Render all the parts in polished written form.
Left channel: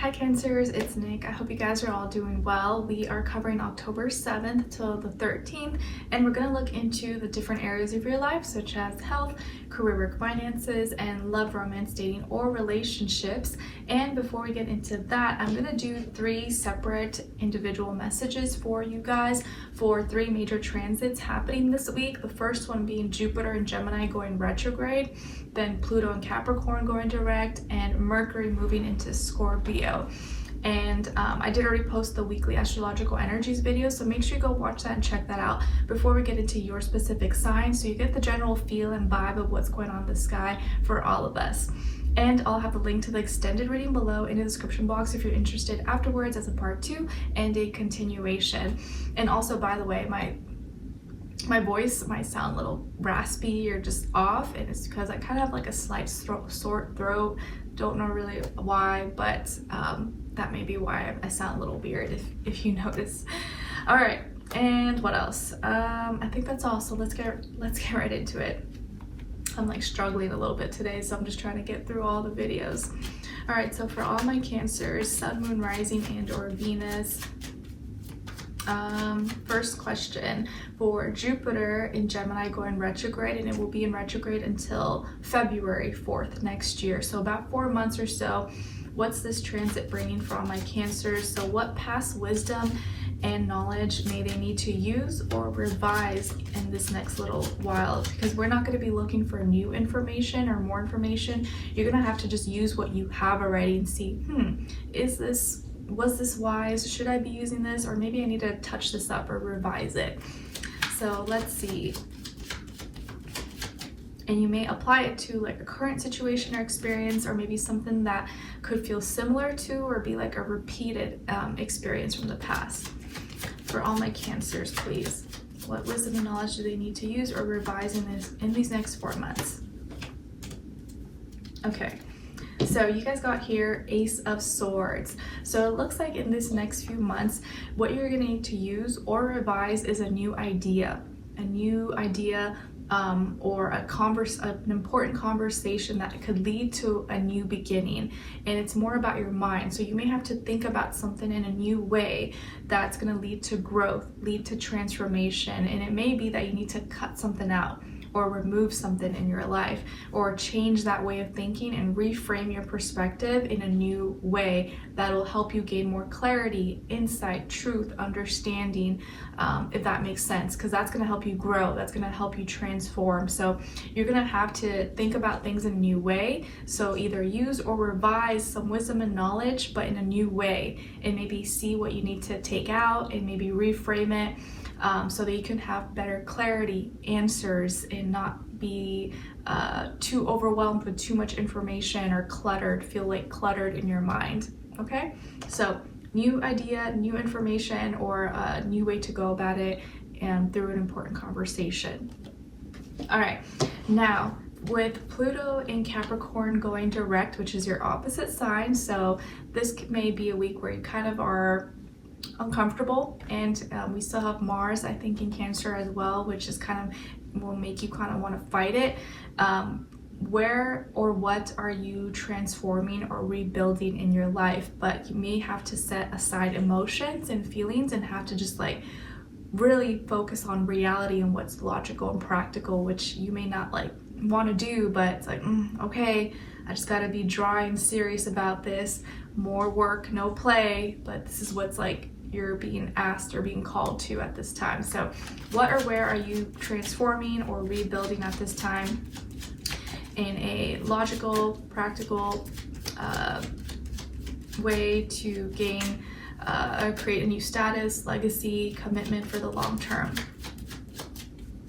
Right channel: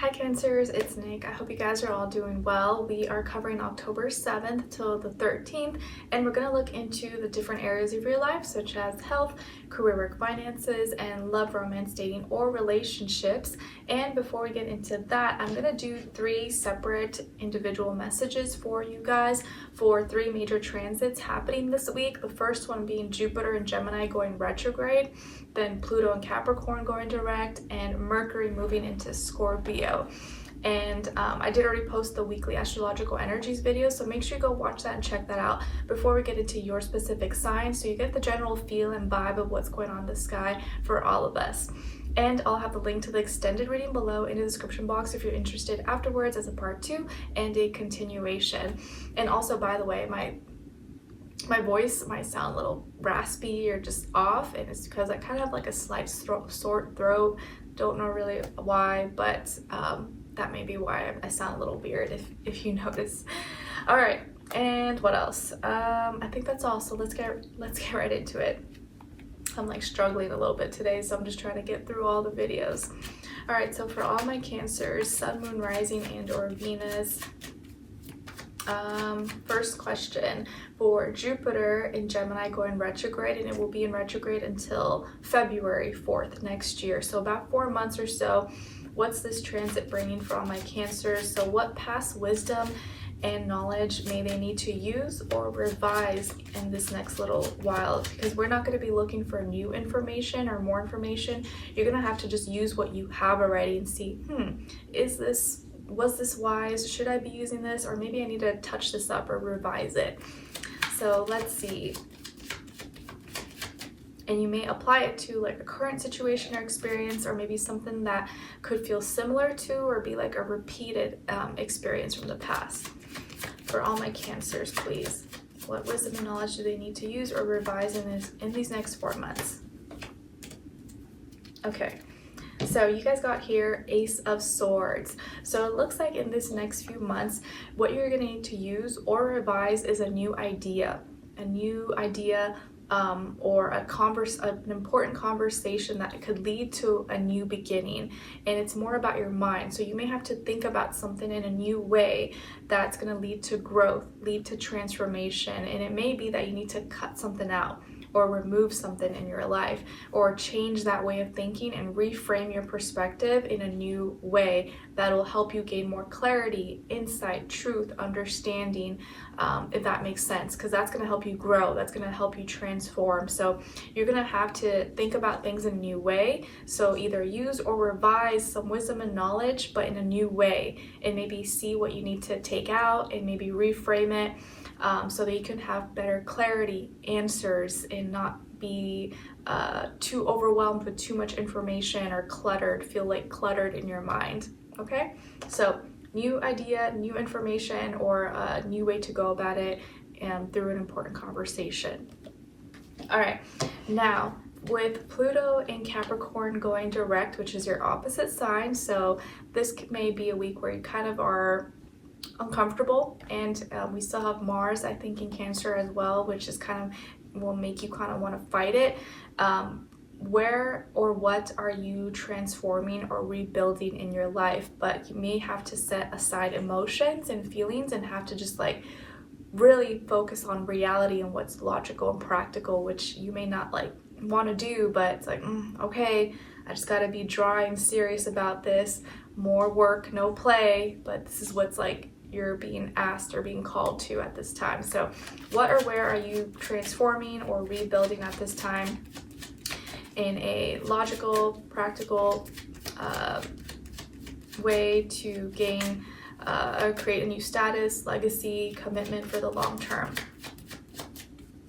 Hi Cancers, it's Nick. I hope you guys are all doing well. We are covering October 7th till the 13th, and we're going to look into the different areas of your life, such as health, career, work, finances, and love, romance, dating, or relationships. And before we get into that, I'm going to do 3 separate individual messages for you guys for 3 major transits happening this week. The first one being Jupiter and Gemini going retrograde, then Pluto and Capricorn going direct, and Mercury moving into Scorpio. And I did already post the weekly astrological energies video, so make sure you go watch that and check that out before we get into your specific sign, so you get the general feel and vibe of what's going on in the sky for all of us. And I'll have the link to the extended reading below in the description box if you're interested afterwards as a part 2 and a continuation. And also, by the way, my voice might sound a little raspy or just off, and it's because I kind of have like a slight sore throat. Don't know really why, but that may be why I sound a little weird if you notice. All right, and what else? I think that's all. So let's get right into it. I'm like struggling a little bit today, so I'm just trying to get through all the videos. All right, so for all my Cancers, Sun, Moon, Rising, and or Venus. First question for Jupiter in Gemini going retrograde, and it will be in retrograde until February 4th next year. So about 4 months or so. What's this transit bringing for all my Cancers? So what past wisdom and knowledge may they need to use or revise in this next little while? Because we're not going to be looking for new information or more information. You're going to have to just use what you have already and see, was this wise? Should I be using this? Or maybe I need to touch this up or revise it. So let's see. And you may apply it to like a current situation or experience, or maybe something that could feel similar to or be like a repeated experience from the past. For all my Cancers, please, what wisdom and knowledge do they need to use or revise in these next 4 months? Okay. So you guys got here Ace of Swords. So it looks like in this next few months, what you're going to need to use or revise is a new idea, or an important conversation that could lead to a new beginning. And it's more about your mind. So you may have to think about something in a new way that's going to lead to growth, lead to transformation. And it may be that you need to cut something out, or remove something in your life, or change that way of thinking and reframe your perspective in a new way that will help you gain more clarity, insight, truth, understanding, if that makes sense, because that's going to help you grow, that's going to help you transform. So you're going to have to think about things in a new way. So either use or revise some wisdom and knowledge, but in a new way, and maybe see what you need to take out and maybe reframe it. So that you can have better clarity, answers, and not be too overwhelmed with too much information or feel like cluttered in your mind. Okay, so new idea, new information, or a new way to go about it, and through an important conversation. All right, now with Pluto in Capricorn going direct, which is your opposite sign, so this may be a week where you kind of are uncomfortable, and we still have Mars, I think, in Cancer as well, which is will make you kind of want to fight it. Where or what are you transforming or rebuilding in your life? But you may have to set aside emotions and feelings and have to just like really focus on reality and what's logical and practical, which you may not like want to do, but it's like, okay, I just got to be dry and serious about this. More work, no play, but this is what's like you're being asked or being called to at this time. So what or where are you transforming or rebuilding at this time in a logical, practical way to gain or create a new status, legacy, commitment for the long term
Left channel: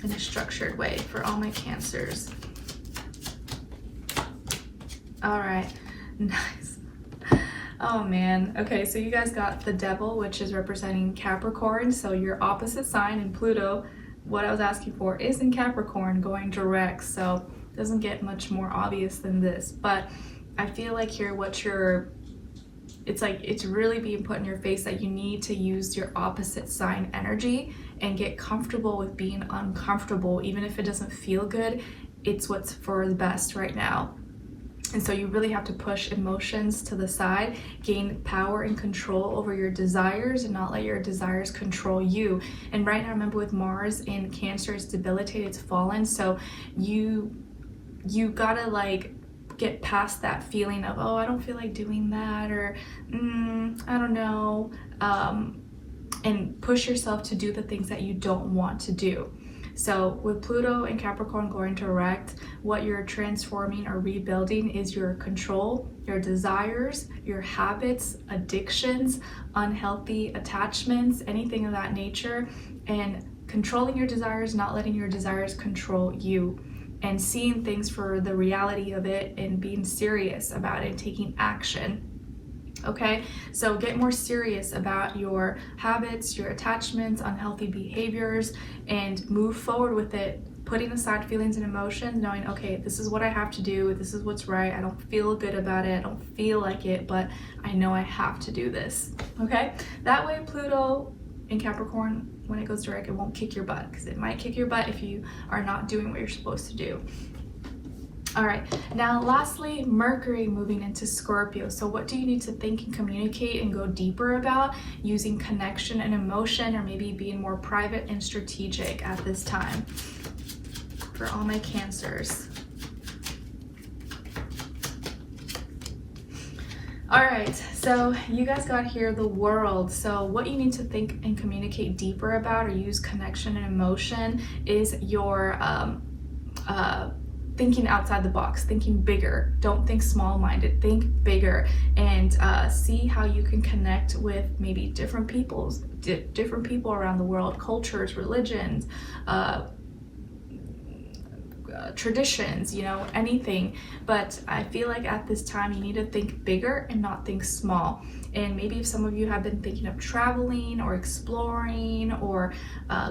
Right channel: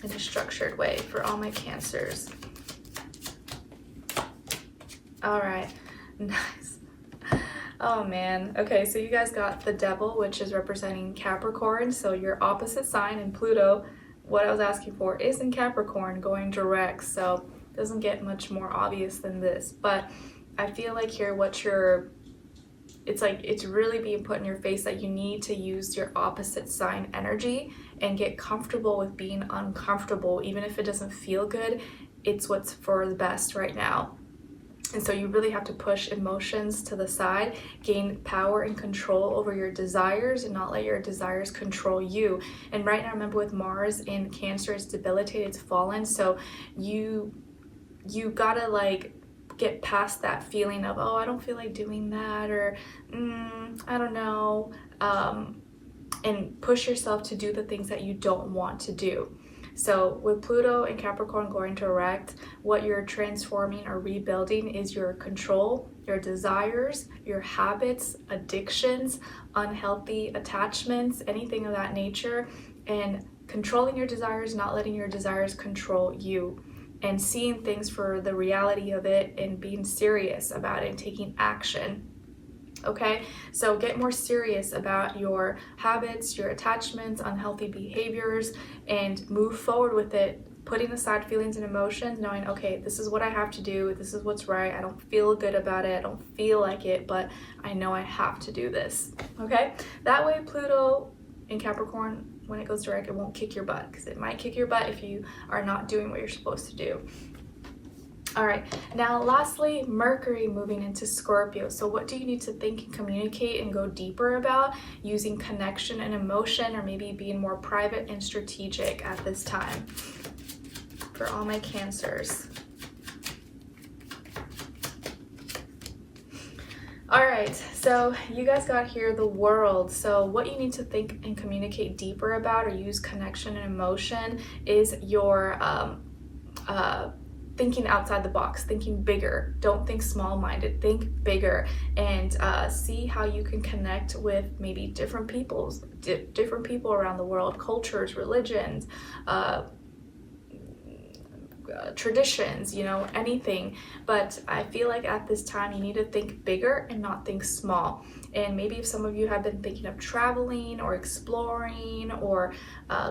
in a structured way for all my Cancers? All right, nice. Oh man, okay, so you guys got the Devil, which is representing Capricorn, so your opposite sign in Pluto, what I was asking for, is in Capricorn going direct, so it doesn't get much more obvious than this. But I feel like here it's really being put in your face that you need to use your opposite sign energy and get comfortable with being uncomfortable. Even if it doesn't feel good, it's what's for the best right now. And so you really have to push emotions to the side, gain power and control over your desires, and not let your desires control you. And right now, remember, with Mars in Cancer, it's debilitated, it's fallen. So you gotta like get past that feeling of, oh, I don't feel like doing that, or I don't know, and push yourself to do the things that you don't want to do. So with Pluto and Capricorn going direct, what you're transforming or rebuilding is your control, your desires, your habits, addictions, unhealthy attachments, anything of that nature, and controlling your desires, not letting your desires control you, and seeing things for the reality of it and being serious about it and taking action. Okay, so get more serious about your habits, your attachments, unhealthy behaviors, and move forward with it, putting aside feelings and emotions, knowing, okay, this is what I have to do, this is what's right, I don't feel good about it, I don't feel like it, but I know I have to do this. Okay, that way Pluto in Capricorn, when it goes direct, it won't kick your butt, because it might kick your butt if you are not doing what you're supposed to do. All right, now lastly, Mercury moving into Scorpio. So what do you need to think and communicate and go deeper about using connection and emotion, or maybe being more private and strategic at this time for all my Cancers? All right, so you guys got here the World. So what you need to think and communicate deeper about, or use connection and emotion, is your thinking outside the box, thinking bigger. Don't think small-minded, think bigger, and see how you can connect with maybe different people around the world, cultures, religions, traditions, you know, anything. But I feel like at this time you need to think bigger and not think small. And maybe if some of you have been thinking of traveling or exploring or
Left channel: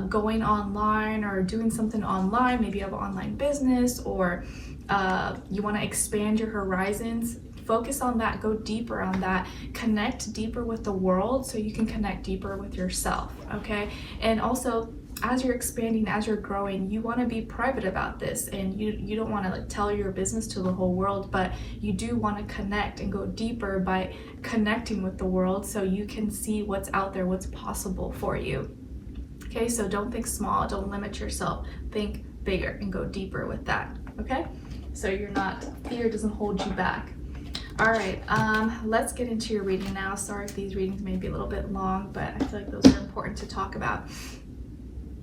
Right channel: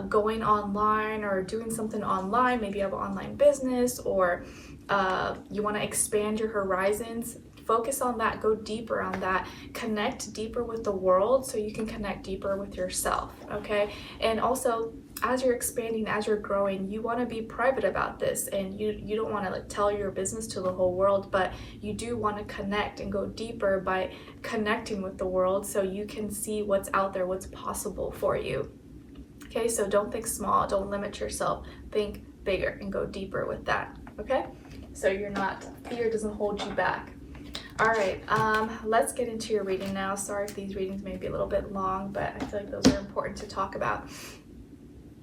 going online or doing something online, maybe you have an online business, or you want to expand your horizons, focus on that, go deeper on that, connect deeper with the world so you can connect deeper with yourself, okay? And also, as you're expanding, as you're growing, you want to be private about this, and you don't want to like tell your business to the whole world, but you do want to connect and go deeper by connecting with the world so you can see what's out there, what's possible for you. Okay, so don't think small, don't limit yourself, think bigger and go deeper with that, okay? So fear doesn't hold you back. All right, let's get into your reading now. Sorry if these readings may be a little bit long, but I feel like those are important to talk about.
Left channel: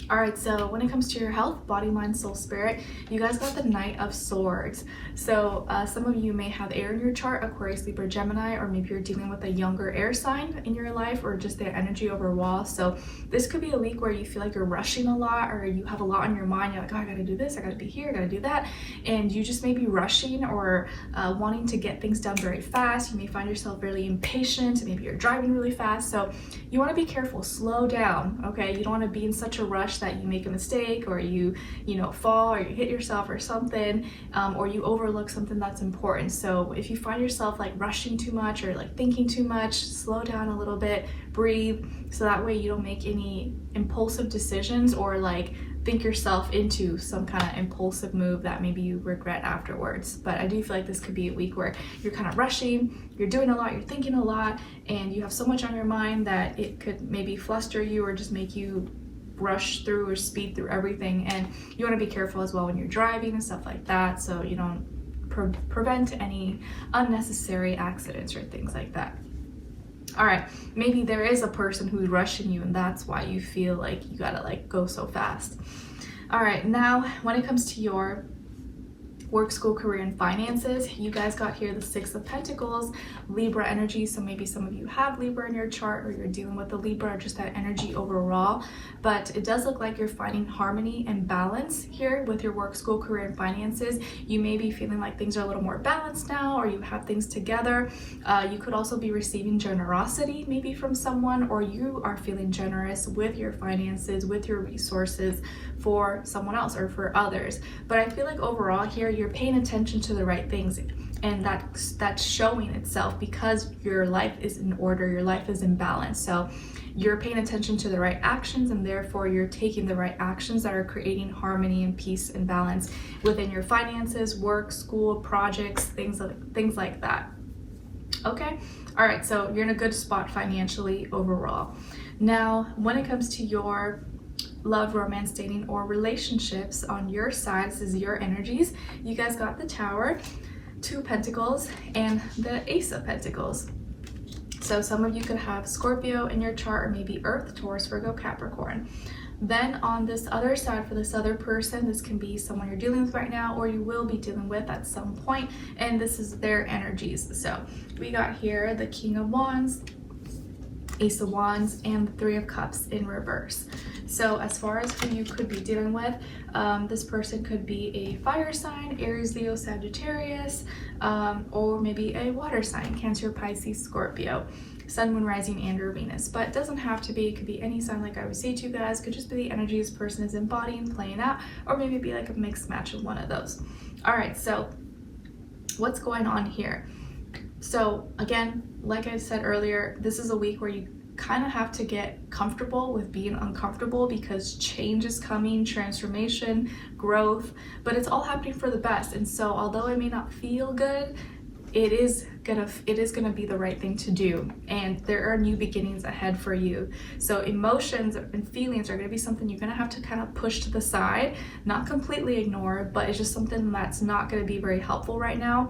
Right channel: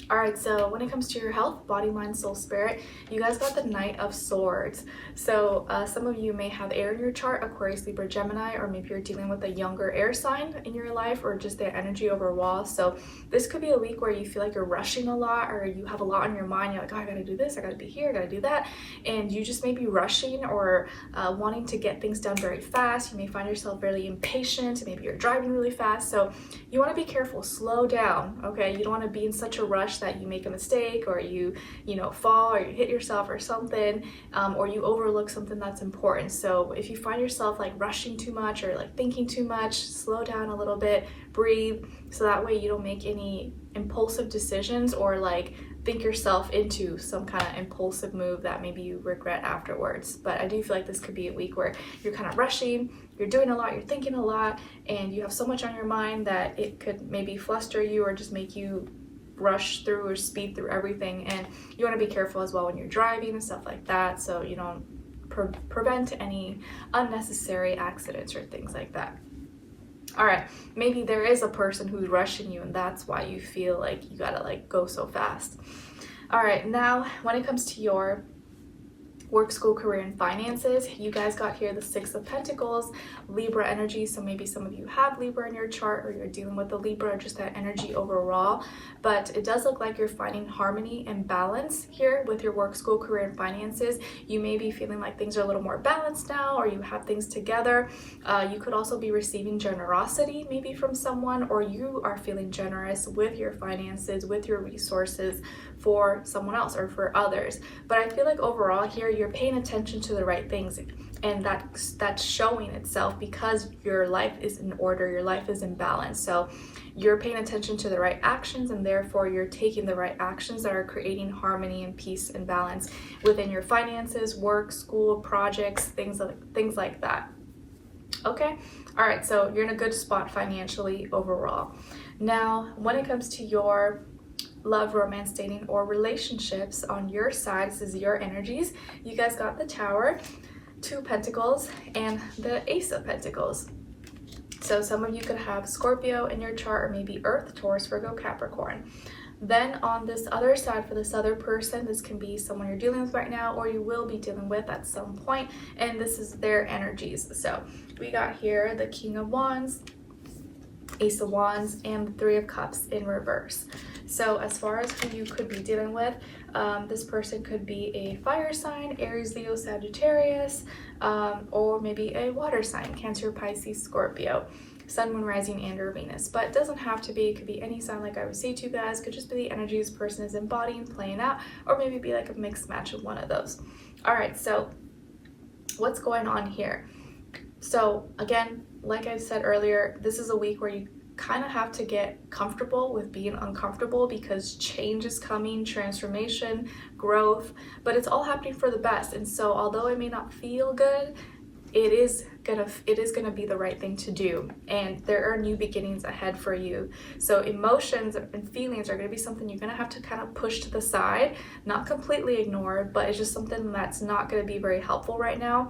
All right, so when it comes to your health, body, mind, soul, spirit, you guys got the Knight of Swords. So some of you may have air in your chart, Aquarius, Libra, Gemini, or maybe you're dealing with a younger air sign in your life, or just their energy overall. So this could be a week where you feel like you're rushing a lot, or you have a lot on your mind. You're like, oh, I gotta do this, I gotta be here, I gotta do that. And you just may be rushing or wanting to get things done very fast. You may find yourself really impatient, maybe you're driving really fast. So you wanna be careful, slow down, okay? You don't wanna be in such a rush that you make a mistake, or you fall, or you hit yourself or something, or you overlook something that's important. So if you find yourself like rushing too much or like thinking too much, slow down a little bit, breathe, so that way you don't make any impulsive decisions or like think yourself into some kind of impulsive move that maybe you regret afterwards. But I do feel like this could be a week where you're kind of rushing, you're doing a lot, you're thinking a lot, and you have so much on your mind that it could maybe fluster you or just make you rush through or speed through everything. And you want to be careful as well when you're driving and stuff like that, so you don't prevent any unnecessary accidents or things like that. All right, maybe there is a person who's rushing you and that's why you feel like you gotta like go so fast. All right, now when it comes to your work, school, career, and finances, you guys got here the Six of Pentacles, Libra energy. So maybe some of you have Libra in your chart, or you're dealing with the Libra, or just that energy overall. But it does look like you're finding harmony and balance here with your work, school, career, and finances. You may be feeling like things are a little more balanced now, or you have things together. You could also be receiving generosity maybe from someone, or you are feeling generous with your finances, with your resources for someone else or for others. But I feel like overall here, you're paying attention to the right things. and that's showing itself because your life is in order, your life is in balance. So you're paying attention to the right actions, and therefore you're taking the right actions that are creating harmony and peace and balance within your finances, work, school, projects, things like that. Okay, all right, so you're in a good spot financially overall. Now, when it comes to your love, romance, dating, or relationships on your side, this is your energies. You guys got the Tower, 2 Pentacles, and the Ace of Pentacles. So some of you could have Scorpio in your chart, or maybe Earth, Taurus, Virgo, Capricorn. Then on this other side, for this other person, this can be someone you're dealing with right now, or you will be dealing with at some point, and this is their energies. So we got here the King of Wands, Ace of Wands, and the 3 of Cups in reverse. So as far as who you could be dealing with, this person could be a fire sign, Aries, Leo, Sagittarius, or maybe a water sign, Cancer, Pisces, Scorpio, Sun, Moon, Rising, and or Venus. But it doesn't have to be, it could be any sign like I would say to you guys. It could just be the energy this person is embodying, playing out, or maybe be like a mixed match of one of those. All right, so what's going on here? So again, like I said earlier, this is a week where you kind of have to get comfortable with being uncomfortable, because change is coming, transformation, growth, but it's all happening for the best. And so although it may not feel good, it is gonna be the right thing to do, and there are new beginnings ahead for you. So emotions and feelings are gonna be something you're gonna have to kind of push to the side, not completely ignore, but it's just something that's not gonna be very helpful right now,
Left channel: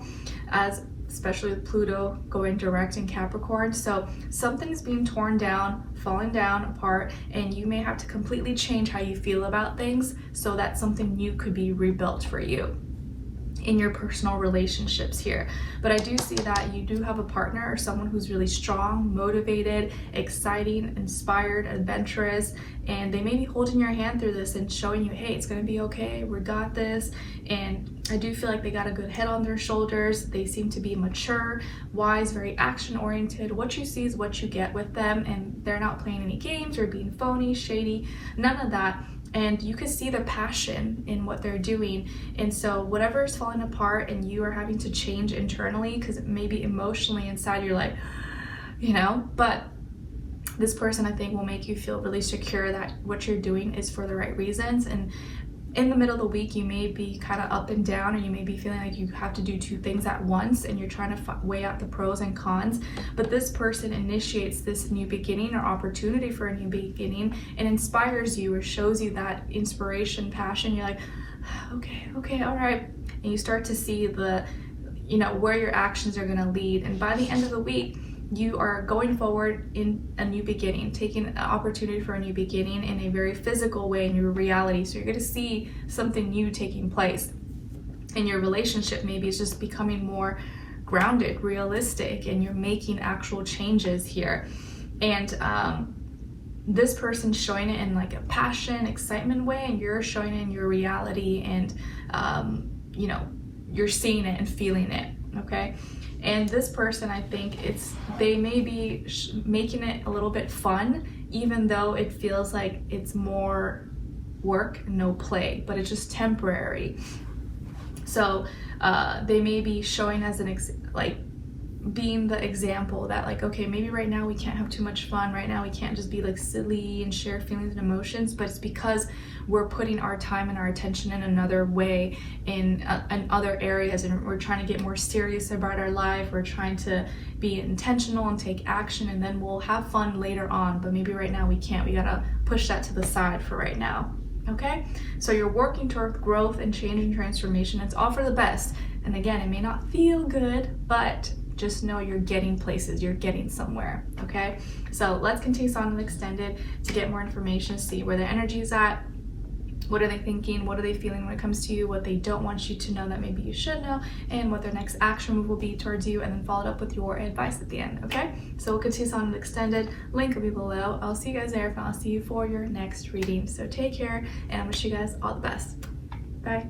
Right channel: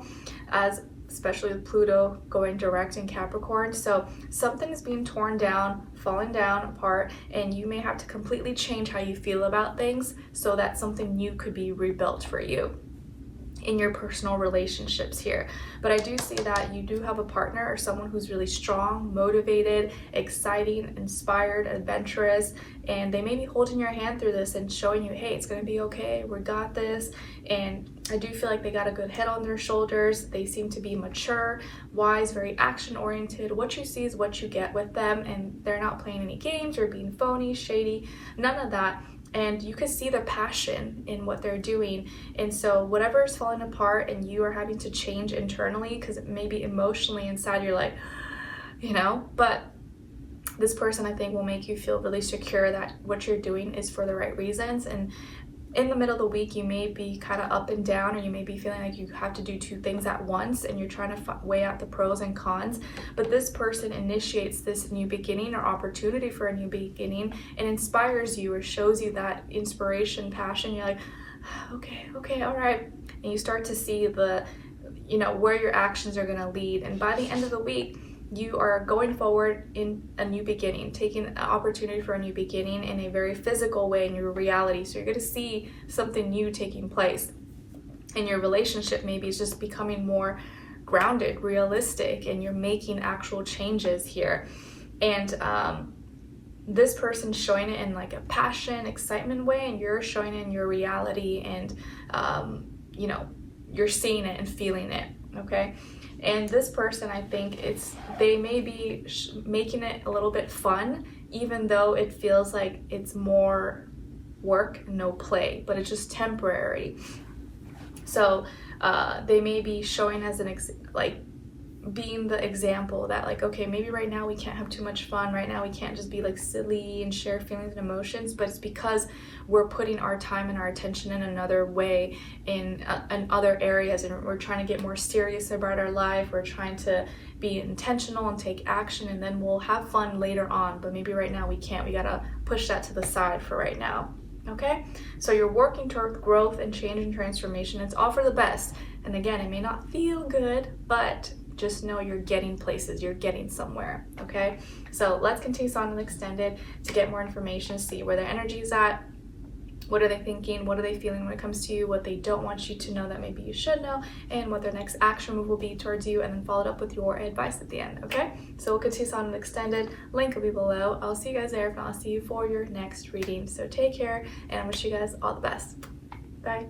especially with Pluto going direct in Capricorn. So something is being torn down, falling down apart, and you may have to completely change how you feel about things so that something new could be rebuilt for you in your personal relationships here. But I do see that you do have a partner or someone who's really strong, motivated, exciting, inspired, adventurous, and they may be holding your hand through this and showing you, hey, it's gonna be okay, we got this. And I do feel like they got a good head on their shoulders. They seem to be mature, wise, very action oriented. What you see is what you get with them, and they're not playing any games or being phony, shady, none of that. And you can see the passion in what they're doing. And so whatever is falling apart and you are having to change internally, because maybe emotionally inside you're like, you know, but this person I think will make you feel really secure that what you're doing is for the right reasons. And in the middle of the week, you may be kind of up and down, and you may be feeling like you have to do 2 things at once, and you're trying to weigh out the pros and cons. But this person initiates this new beginning or opportunity for a new beginning and inspires you or shows you that inspiration, passion. You're like, okay, all right. And you start to see the, you know, where your actions are going to lead. And by the end of the week, you are going forward in a new beginning, taking an opportunity for a new beginning in a very physical way in your reality. So you're going to see something new taking place in your relationship. Maybe it's just becoming more grounded, realistic, and you're making actual changes here. And this person's showing it in like a passion, excitement way, and you're showing it in your reality, and you know, you're seeing it and feeling it. Okay. And this person, I think they may be making it a little bit fun, even though it feels like it's more work, no play, but it's just temporary. So they may be showing as being the example that like, okay, maybe right now we can't have too much fun. Right now we can't just be like silly and share feelings and emotions, but it's because we're putting our time and our attention in another way in other areas, and we're trying to get more serious about our life. We're trying to be intentional and take action, and then we'll have fun later on, but maybe right now we can't. We gotta push that to the side for right now. Okay, so you're working toward growth and change and transformation. It's all for the best, and again, it may not feel good, but just know you're getting places, you're getting somewhere. Okay, so let's continue on and extended to get more information, see where their energy is at. What are they thinking? What are they feeling when it comes to you? What they don't want you to know that maybe you should know, and what their next action move will be towards you, and then followed up with your advice at the end. Okay, so we'll continue on and extended. Link will be below. I'll see you guys there, and I'll see you for your next reading. So take care, and I wish you guys all the best. Bye.